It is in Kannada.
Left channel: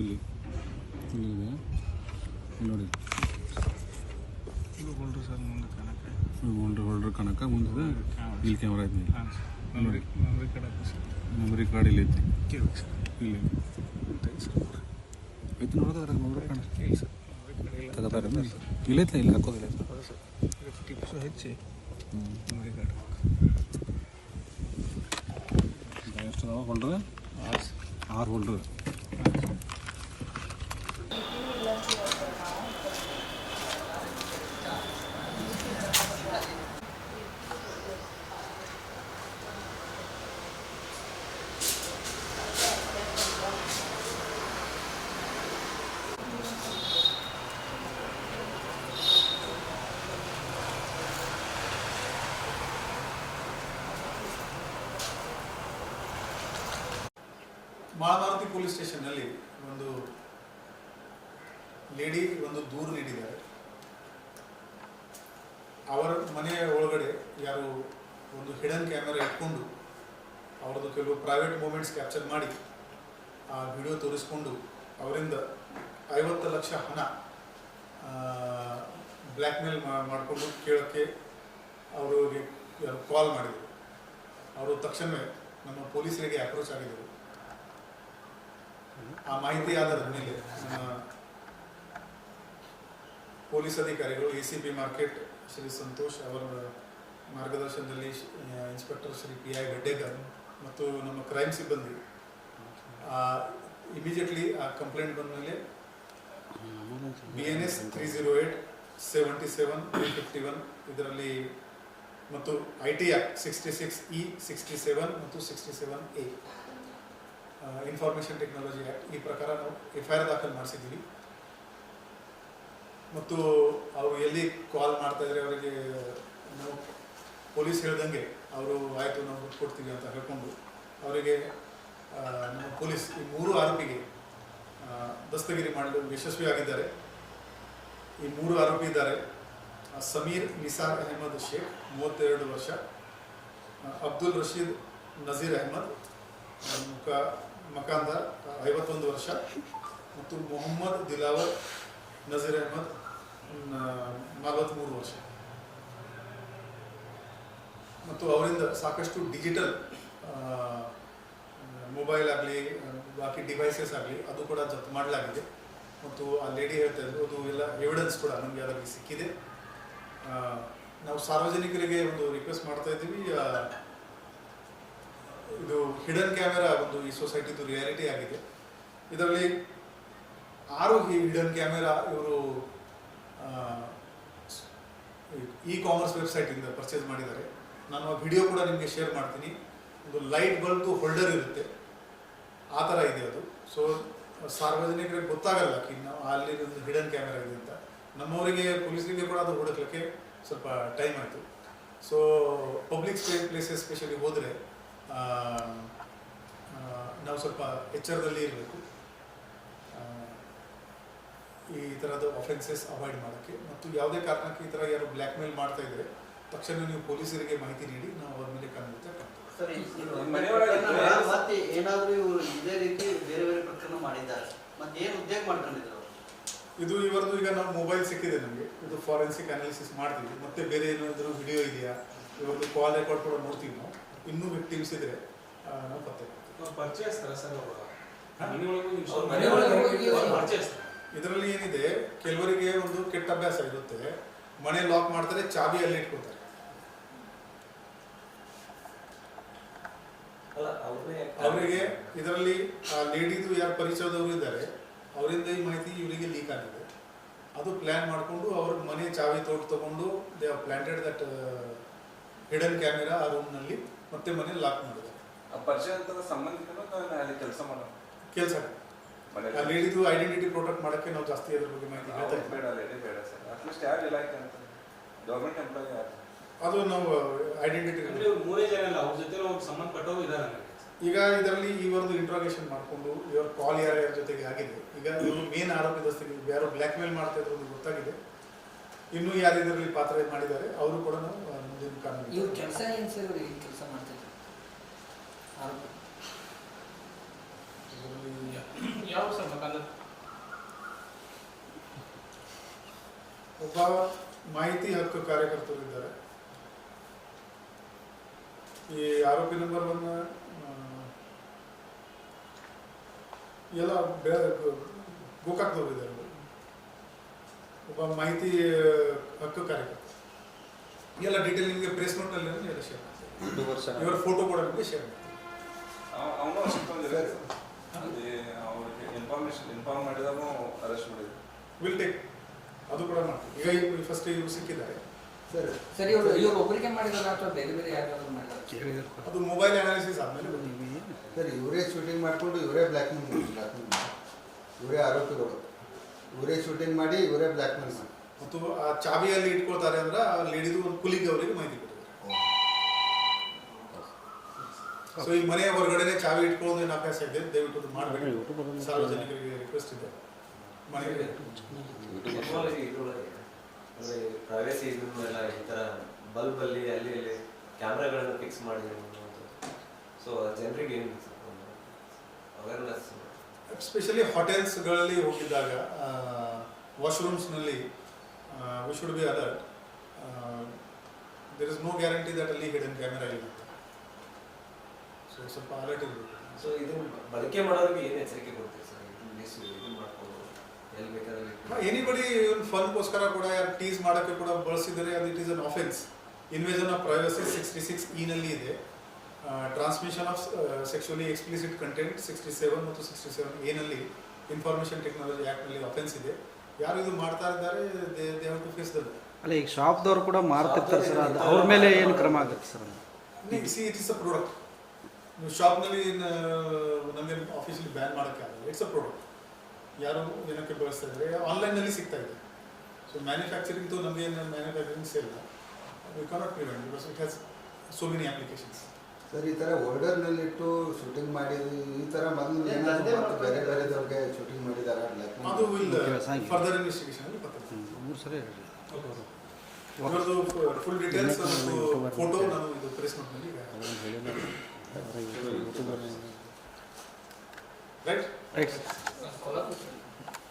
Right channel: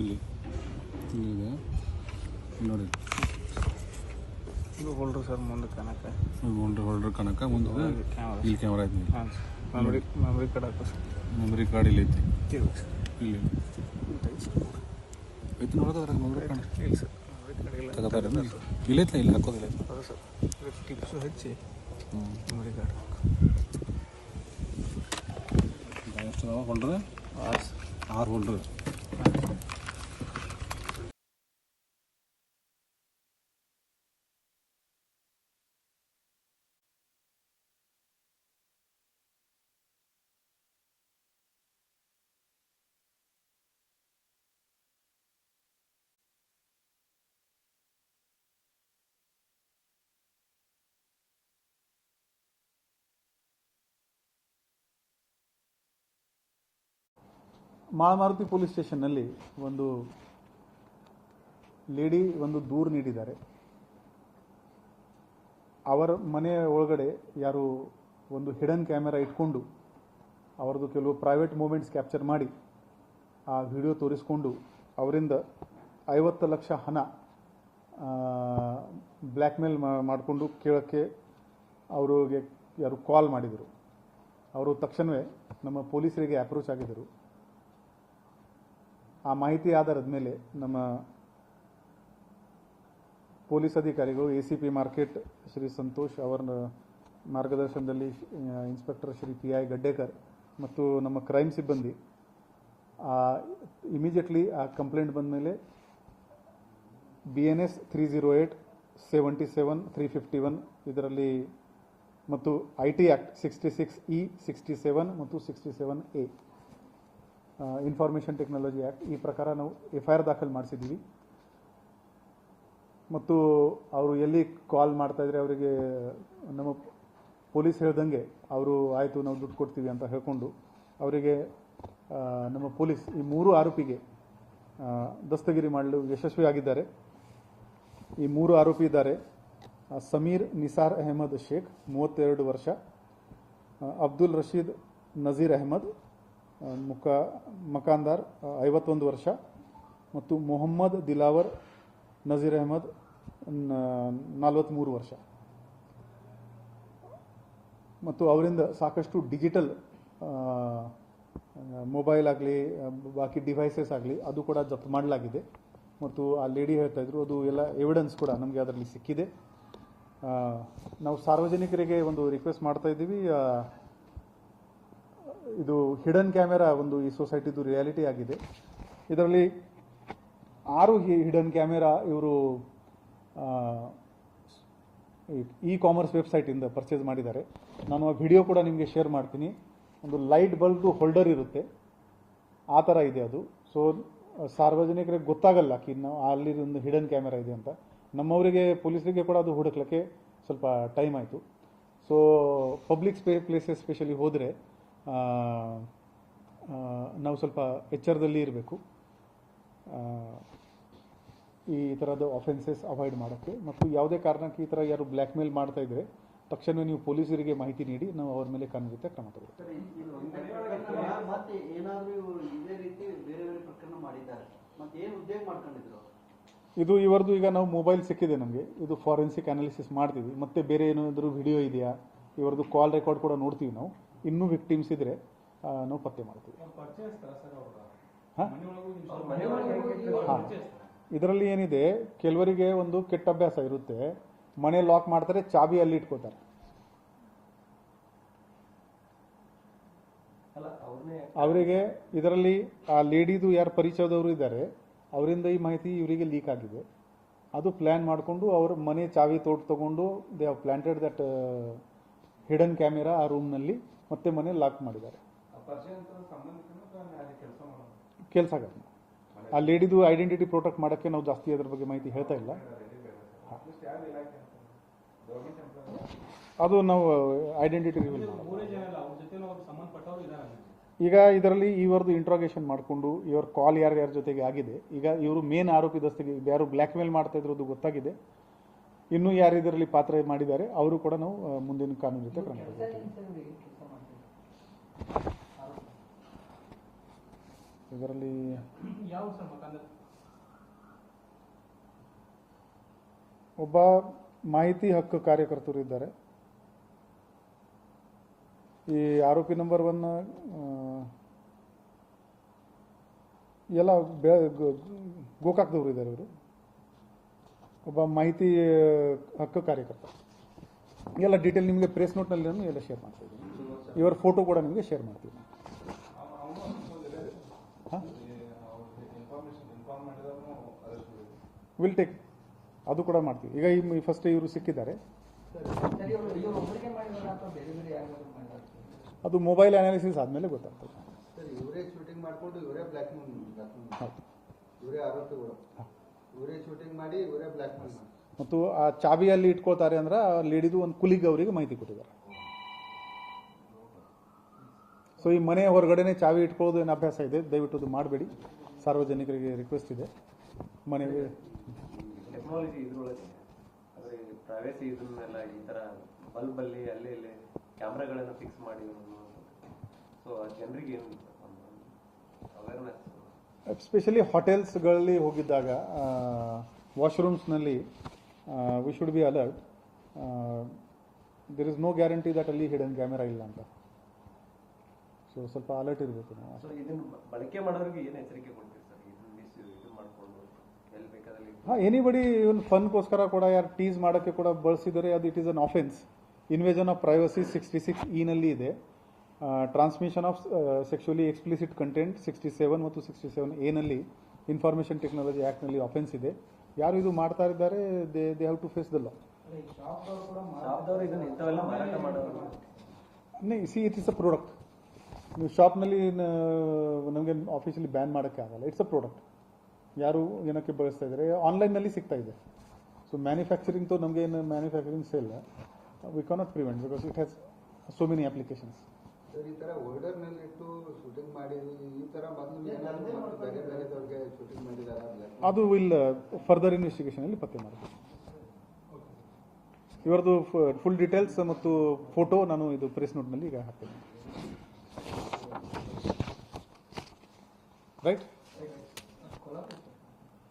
ಇಲ್ಲಿ ಇಲ್ಲಿದೆ ನೋಡಿ, ಇದು ಹೋಲ್ಡ್ರ್ ಸರ್, ಮುಂದೆ ಕನಕ ಹೋಲ್ಡ್ರ್ ಕನಕ ಮುಂದೆ ಇಲ್ಲಿ ಕ್ಯಾಮ್ರಾ ಐತಿ. ಹಾಂ ಸರ್, ಮೆಮರಿ ಕಾರ್ಡ್ ಹಾಕೋ ಸರ್. ಮೆಮರಿ ಕಾರ್ಡ್ ಇಲ್ಲಿ ಐತಿ, ಕೇಳಿ ಸರ್. ಇಲ್ಲಿ ಐತಿ ನೋಡೋದ್ರ ಮೆಮರಿ ಕಾರ್ಡ್ ಕೇಳಿ ಸರ್, ಮೆಮರಿ ಕಾರ್ಡ್ ತಗೋತಾರ ಇಲ್ಲ ಐತಿ, ಇಲ್ಲಿ ಹಾಕೋದಿಲ್ಲ. ಹೌದು ಸರ್, ಕ್ಲಿಪ್ಸು ಹೆಚ್ಚಿ ಮೆಮರಿ ಕಾರ್ಡ್ ಎಷ್ಟು ಅದಾವ ಹೋಲ್ಡ್ರ್? 6 ಹೋಲ್ಡ್ರ್. ಮಾಳಮಾರುತಿ ಪೊಲೀಸ್ ಸ್ಟೇಷನ್ನಲ್ಲಿ ಒಂದು ಲೇಡಿ ಒಂದು ದೂರು ನೀಡಿದ್ದಾರೆ. ಅವರ ಮನೆಯ ಒಳಗಡೆ ಯಾರು ಒಂದು ಹಿಡನ್ ಕ್ಯಾಮೆರಾ ಇಟ್ಕೊಂಡು ಅವರದ್ದು ಕೆಲವು ಪ್ರೈವೇಟ್ ಮೂಮೆಂಟ್ಸ್ ಕ್ಯಾಪ್ಚರ್ ಮಾಡಿ ಆ ವಿಡಿಯೋ ತೋರಿಸ್ಕೊಂಡು ಅವರಿಂದ 50 ಲಕ್ಷ ಹಣ ಬ್ಲ್ಯಾಕ್ಮೇಲ್ ಮಾಡಿಕೊಂಡು ಕೇಳೋಕ್ಕೆ ಅವರಿಗೆ ಯಾರು ಕಾಲ್ ಮಾಡಿದರು. ಅವರು ತಕ್ಷಣವೇ ನಮ್ಮ ಪೊಲೀಸರಿಗೆ ಅಪ್ರೋಚ್ ಆಗಿದ್ದರು. ಆ ಮಾಹಿತಿ ಆಧಾರದ ಮೇಲೆ ನಮ್ಮ ಪೊಲೀಸ್ ಅಧಿಕಾರಿಗಳು ACP ಮಾರ್ಕೆಟ್ ಶ್ರೀ ಸಂತೋಷ್ ಅವರ ಮಾರ್ಗದರ್ಶನದಲ್ಲಿ ಇನ್ಸ್ಪೆಕ್ಟರ್ ಶ್ರೀ PI ಗಡ್ಡೇಕರ್ ಮತ್ತು ನಮ್ಮ ಕ್ರೈಮ್ ಸಿಬ್ಬಂದಿ ಇಮಿಡಿಯೇಟ್ಲಿ ಆ ಕಂಪ್ಲೇಂಟ್ ಬಂದ ಮೇಲೆ BNS 308-77-351 ಇದರಲ್ಲಿ ಮತ್ತು IT Act 66E 67 ಮತ್ತು 67A ಇನ್ಫಾರ್ಮೇಷನ್ ಟೆಕ್ನಾಲಜಿ ಆ್ಯಕ್ಟ್ ಈ ಪ್ರಕಾರ ನಾವು FIR ದಾಖಲು ಮಾಡಿಸಿದ್ದೀವಿ. ಮತ್ತು ಅವರು ಎಲ್ಲಿ ಕಾಲ್ ಮಾಡ್ತಾಯಿದ್ರೆ ಅವರಿಗೆ ನಮ್ಮ ಪೊಲೀಸ್ ಹೇಳ್ದಂಗೆ ಅವರು ಆಯಿತು ನಾವು ದುಡ್ಡು ಕೊಡ್ತೀವಿ ಅಂತ ಹೇಳ್ಕೊಂಡು ಅವರಿಗೆ ನಮ್ಮ ಪೊಲೀಸ್ ಈ 3 ಆರೋಪಿಗೆ ದಸ್ತಗಿರಿ ಮಾಡಲು ಯಶಸ್ವಿಯಾಗಿದ್ದಾರೆ. ಈ 3 ಆರೋಪಿ ಇದ್ದಾರೆ. ಸಮೀರ್ ನಿಸಾರ್ ಅಹಮದ್ ಶೇಖ್ 32 ವರ್ಷ, ಅಬ್ದುಲ್ ರಶೀದ್ ನಜೀರ್ ಅಹಮದ್ ಮಕಾಂದಾರ್ 51 ವರ್ಷ ಮತ್ತು ಮೊಹಮ್ಮದ್ ದಿಲಾವರ್ ನಜೀರ್ ಅಹಮದ್ 43 ವರ್ಷ. ಮತ್ತು ಅವರಿಂದ ಸಾಕಷ್ಟು ಡಿಜಿಟಲ್ ಮೊಬೈಲ್ ಆಗಲಿ ಬಾಕಿ ಡಿವೈಸಸ್ ಆಗಲಿ ಅದು ಕೂಡ ಜಪ್ತು ಮಾಡಲಾಗಿದೆ. ಮತ್ತು ಆ ಲೇಡಿ ಹೇಳ್ತಾಯಿದ್ರು ಅದು ಎಲ್ಲ ಎವಿಡೆನ್ಸ್ ಕೂಡ ನಮಗೆ ಅದರಲ್ಲಿ ಸಿಕ್ಕಿದೆ. ನಾವು ಸಾರ್ವಜನಿಕರಿಗೆ ಒಂದು ರಿಕ್ವೆಸ್ಟ್ ಮಾಡ್ತಾಯಿದ್ದೀವಿ, ಇದು ಹಿಡನ್ ಕ್ಯಾಮೆರಾ ಒಂದು ಈ ಸೊಸೈಟಿದು ರಿಯಾಲಿಟಿ ಆಗಿದೆ. ಇದರಲ್ಲಿ 6 ಹಿಡನ್ ಕ್ಯಾಮೆರಾ ಇವರು ಕಾಮರ್ಸ್ ವೆಬ್ಸೈಟಿಂದ ಪರ್ಚೇಸ್ ಮಾಡಿದ್ದಾರೆ. ನಾನು ಆ ವಿಡಿಯೋ ಕೂಡ ನಿಮಗೆ ಶೇರ್ ಮಾಡ್ತೀನಿ. ಒಂದು ಲೈಟ್ ಬಲ್ಬ್ದು ಹೋಲ್ಡರ್ ಇರುತ್ತೆ, ಆ ಥರ ಇದೆ ಅದು. ಸೊ ಸಾರ್ವಜನಿಕರಿಗೆ ಗೊತ್ತಾಗಲ್ಲ ನಾವು ಅಲ್ಲಿ ಒಂದು ಹಿಡನ್ ಕ್ಯಾಮೆರಾ ಇದೆ ಅಂತ. ನಮ್ಮವರಿಗೆ ಪೊಲೀಸರಿಗೆ ಕೂಡ ಅದು ಹುಡುಕ್ಲಿಕ್ಕೆ ಸ್ವಲ್ಪ ಟೈಮ್ ಆಯಿತು. ಸೊ ಪಬ್ಲಿಕ್ ಪ್ಲೇಸಸ್ ಸ್ಪೆಷಲಿ ಹೋದರೆ ನಾವು ಸ್ವಲ್ಪ ಎಚ್ಚರದಲ್ಲಿ ಇರಬೇಕು ಈ ಥರದ ಅಫೆನ್ಸಸ್ ಅವಾಯ್ಡ್ ಮಾಡೋಕ್ಕೆ. ಮತ್ತು ಯಾವುದೇ ಕಾರಣಕ್ಕೆ ಈ ಥರ ಯಾರು ಬ್ಲ್ಯಾಕ್ಮೇಲ್ ಮಾಡ್ತಾಯಿದ್ರೆ ತಕ್ಷಣ ನೀವು ಪೊಲೀಸರಿಗೆ ಮಾಹಿತಿ ನೀಡಿ ನಾವು ಅವ್ರ ಮೇಲೆ ಖಂಡಿತ ಕಾಣ್ತೇವೆ. ಇದು ಇವರದು ಈಗ ನಾವು ಮೊಬೈಲ್ ಸಿಕ್ಕಿದೆ ನಮಗೆ, ಇದು ಫಾರೆನ್ಸಿಕ್ ಅನಾಲಿಸಿಸ್ ಮಾಡ್ತೀವಿ. ಮತ್ತು ಬೇರೆ ಏನಾದರೂ ವಿಡಿಯೋ ಇದೆಯಾ, ಇವರದ್ದು ಕಾಲ್ ರೆಕಾರ್ಡ್ ಕೂಡ ನೋಡ್ತೀವಿ ನಾವು. ಇನ್ನೂ ವಿಕ್ಟಿಮ್ಸ್ ಇದ್ದರೆ ನಾವು ಪತ್ತೆ ಮಾಡ್ತೀವಿ. ಇದರಲ್ಲಿ ಏನಿದೆ, ಕೆಲವರಿಗೆ ಒಂದು ಕೆಟ್ಟ ಅಭ್ಯಾಸ ಇರುತ್ತೆ, ಮನೆ ಲಾಕ್ ಮಾಡ್ತಾರೆ, ಚಾಬಿ ಅಲ್ಲಿ ಇಟ್ಕೊಳ್ತಾರೆ. ಅವರಿಗೆ ಇದರಲ್ಲಿ ಆ ಲೇಡಿದು ಯಾರು ಪರಿಚಯದವರು ಇದ್ದಾರೆ ಅವರಿಂದ ಈ ಮಾಹಿತಿ ಇವರಿಗೆ ಲೀಕ್ ಆಗಿದೆ. ಅದು ಪ್ಲ್ಯಾನ್ ಮಾಡಿಕೊಂಡು ಅವ್ರ ಮನೆ ಚಾವಿ ತೊಗೊಂಡು they have planted that hidden camera ಆ ರೂಮ್ನಲ್ಲಿ, ಮತ್ತೆ ಮನೆ ಲಾಕ್ ಮಾಡಿದ್ದಾರೆ. ಕೆಲಸ ಆ ಲೇಡಿದು ಐಡೆಂಟಿಟಿ ಪ್ರೊಟೆಕ್ಟ್ ಮಾಡೋಕ್ಕೆ ನಾವು ಜಾಸ್ತಿ ಅದ್ರ ಬಗ್ಗೆ ಮಾಹಿತಿ ಹೇಳ್ತಾ ಇಲ್ಲ. ಅದು ನಾವು ಐಡೆಂಟಿಟಿ ಈಗ ಇದರಲ್ಲಿ ಇವರದು ಇಂಟ್ರಾಗೇಷನ್ ಮಾಡಿಕೊಂಡು ಇವ್ರ ಕಾಲ್ ಯಾರ್ಯಾರ ಜೊತೆಗೆ ಆಗಿದೆ. ಈಗ ಇವರು ಮೇನ್ ಆರೋಪಿ ದಸ್ತಗಿರಿ ಯಾರು ಬ್ಲ್ಯಾಕ್ಮೇಲ್ ಮಾಡ್ತಾ ಇರೋದು ಗೊತ್ತಾಗಿದೆ. ಇನ್ನೂ ಯಾರು ಇದರಲ್ಲಿ ಪಾತ್ರ ಮಾಡಿದ್ದಾರೆ ಅವರು ಕೂಡ ನಾವು ಮುಂದಿನ ಕಾನೂನು ಇದರಲ್ಲಿ ಯಾವ ಸರ್ ಮಕಾನ ಒಬ್ಬ ಮಾಹಿತಿ ಹಕ್ಕು ಕಾರ್ಯಕರ್ತರು ಇದ್ದಾರೆ. ಈ ಆರೋಪಿ ನಂಬರ್ 1 ಎಲ್ಲ ಗೋಕಾಕ್ದವರು ಇದ್ದಾರೆ. ಇವರು ಒಬ್ಬ ಮಾಹಿತಿ ಹಕ್ಕು ಕಾರ್ಯಕರ್ತ. ಎಲ್ಲ ಡೀಟೇಲ್ ನಿಮಗೆ ಪ್ರೆಸ್ ನೋಟ್ನಲ್ಲಿ ಎಲ್ಲ ಶೇರ್ ಮಾಡ್ತೀನಿ. ಇವರ ಫೋಟೋ ಕೂಡ ನಿಮಗೆ ಶೇರ್ ಮಾಡ್ತೀನಿ. ವಿಲ್ ಟೇಕ್ ಅದು ಕೂಡ ಮಾಡ್ತೀವಿ. ಈಗ ಇನ್ನು ಫಸ್ಟ್ ಇವರು ಸಿಕ್ಕಿದ್ದಾರೆ. ಅದು ಮೊಬೈಲ್ ಅನಾಲಿಸಿಸ್ ಆದಮೇಲೆ ಗೊತ್ತಾಗ್ತದೆ ಸರ್. ಇವರೇ ಶೂಟಿಂಗ್ ಮಾಡಿಕೊಂಡು ಇವರೇ ಬ್ಲ್ಯಾಕ್ ಮೇಲ್, ಇವರೇ ಆರೋಪಿಗಳು, ಇವರೇ ಶೂಟಿಂಗ್ ಮಾಡಿ ಇವರೇ ಬ್ಲ್ಯಾಕ್ ಮೇಲ್ ಮಾಡಿ ಮತ್ತು ಆ ಚಾವಿಯಲ್ಲಿ ಇಟ್ಕೊಳ್ತಾರೆ ಅಂದ್ರೆ ಆ ಲೇಡಿದು ಒಂದು ಕುಲಿಗೆ ಅವರಿಗೆ ಮಾಹಿತಿ ಕೊಟ್ಟಿದ್ದಾರೆ. ಸೊ ಈ ಮನೆ ಹೊರಗಡೆನೆ ಚಾವಿ ಇಟ್ಕೊಳ್ಳೋದು ಏನು ಅಭ್ಯಾಸ ಇದೆ, ದಯವಿಟ್ಟು ಅದು ಮಾಡಬೇಡಿ. ಸಾರ್ವಜನಿಕರಿಗೆ ರಿಕ್ವೆಸ್ಟ್ ಇದೆ. ಮನೆಗೆ ಪ್ರೈವೇಸಿ ಇದನ್ನೆಲ್ಲ ಈ ಥರ ಬಲ್ಬಲ್ಲಿ ಅಲ್ಲಿ ಇಲ್ಲಿ ಕ್ಯಾಮ್ರಾಗಳನ್ನು ಫಿಕ್ಸ್ ಮಾಡಿದ್ರು. ಸೊ ಜನರಿಗೆ ಏನು ಅವೇರ್ನೆಸ್, ಎಸ್ಪೆಷಲಿ ಹೋಟೆಲ್ಸ್ಗಳಲ್ಲಿ ಹೋಗಿದ್ದಾಗ ವಾಶ್ರೂಮ್ಸ್ನಲ್ಲಿ we should be alert. There is no guarantee that ಅಲ್ಲಿ ಹಿಡನ್ ಕ್ಯಾಮೆರಾ ಇಲ್ಲ ಅಂತ. ಸೊ ಸ್ವಲ್ಪ ಅಲರ್ಟ್ ಇರಬೇಕು. ಸೊ ಇದನ್ನು ಬಳಕೆ ಮಾಡೋರಿಗೆ ಏನು ಎಚ್ಚರಿಕೆ ಕೊಡ್ತೀವಿ ಸರ್? ಇದು ಮಾಡ್ಕೊಂಡು ಎಲ್ಲಿ ಬೇಕಾದ್ರೆ ಎನಿಬಡಿ ಇವನ್ ಫನ್ಗೋಸ್ಕರ ಕೂಡ ಯಾರು ಟೀಸ್ ಮಾಡೋಕ್ಕೆ ಕೂಡ ಬಳಸಿದರೆ ಅದು it is an offence. Invasion of privacy 66 ನಲ್ಲಿ ಇದೆ. Transmission of sexually explicit content 67 ಮತ್ತು 67 ನಲ್ಲಿ ಇನ್ಫಾರ್ಮೇಷನ್ ಟೆಕ್ನಾಲಜಿ ಆ್ಯಕ್ಟ್ನಲ್ಲಿ ಅಫೆನ್ಸ್ ಇದೆ. ಯಾರು ಇದು ಮಾಡ್ತಾ ಇದ್ದಾರೆ they have to face the law. ಅಲ್ಲ, ಈಗ ಶಾಪ್ದವ್ರು ಕೂಡ ಮಾರ್ತಿರ್ತಾರೆ ಸರ್, ಅವ್ರ ಮೇಲೆ ಏನು ಕ್ರಮ ಆಗುತ್ತೆ sir? C it is a product. ನೀವು ಶಾಪ್ನಲ್ಲಿ ನಮಗೆ ಆಫೀಸಲ್ಲಿ ಬ್ಯಾನ್ ಮಾಡೋಕ್ಕೆ ಆಗಲ್ಲ. It's a product. ಯಾರು ಏನಕ್ಕೆ ಬಳಸ್ತಾ ಇದ್ದಾರೆ, ಆನ್ಲೈನಲ್ಲಿ ಸಿಗ್ತಾ ಇದೆ. ಸೊ ಮ್ಯಾನುಫ್ಯಾಕ್ಚರಿಂಗ್ದು ನಮಗೇನು manufacturing sale we cannot prevent because it has so many applications. Sir, ಈ ಥರ ಹೋಲ್ಡರ್ನಲ್ಲಿ ಇಟ್ಟು ಶೂಟಿಂಗ್ ಮಾಡಿದ್ದು ಈ ಥರ ಮೊದಲು ಏನಾದರೂ ಬೇರೆ ಬೇರೆದವ್ರಿಗೆ ಶೂಟಿಂಗ್ ಮಾಡಿದ್ದಾರೆ ಅದು ವಿಲ್ ಫರ್ದರ್ ಇನ್ವೆಸ್ಟಿಗೇಷನಲ್ಲಿ ಪತ್ತೆ ಸರಿ. ಇವರದು ಫುಲ್ ಡೀಟೇಲ್ಸ್ ಮತ್ತು ಫೋಟೋ ನಾನು ಇದು ಪ್ರೆಸ್ ನೋಟ್ನಲ್ಲಿ ಈಗ ರೈಟ್.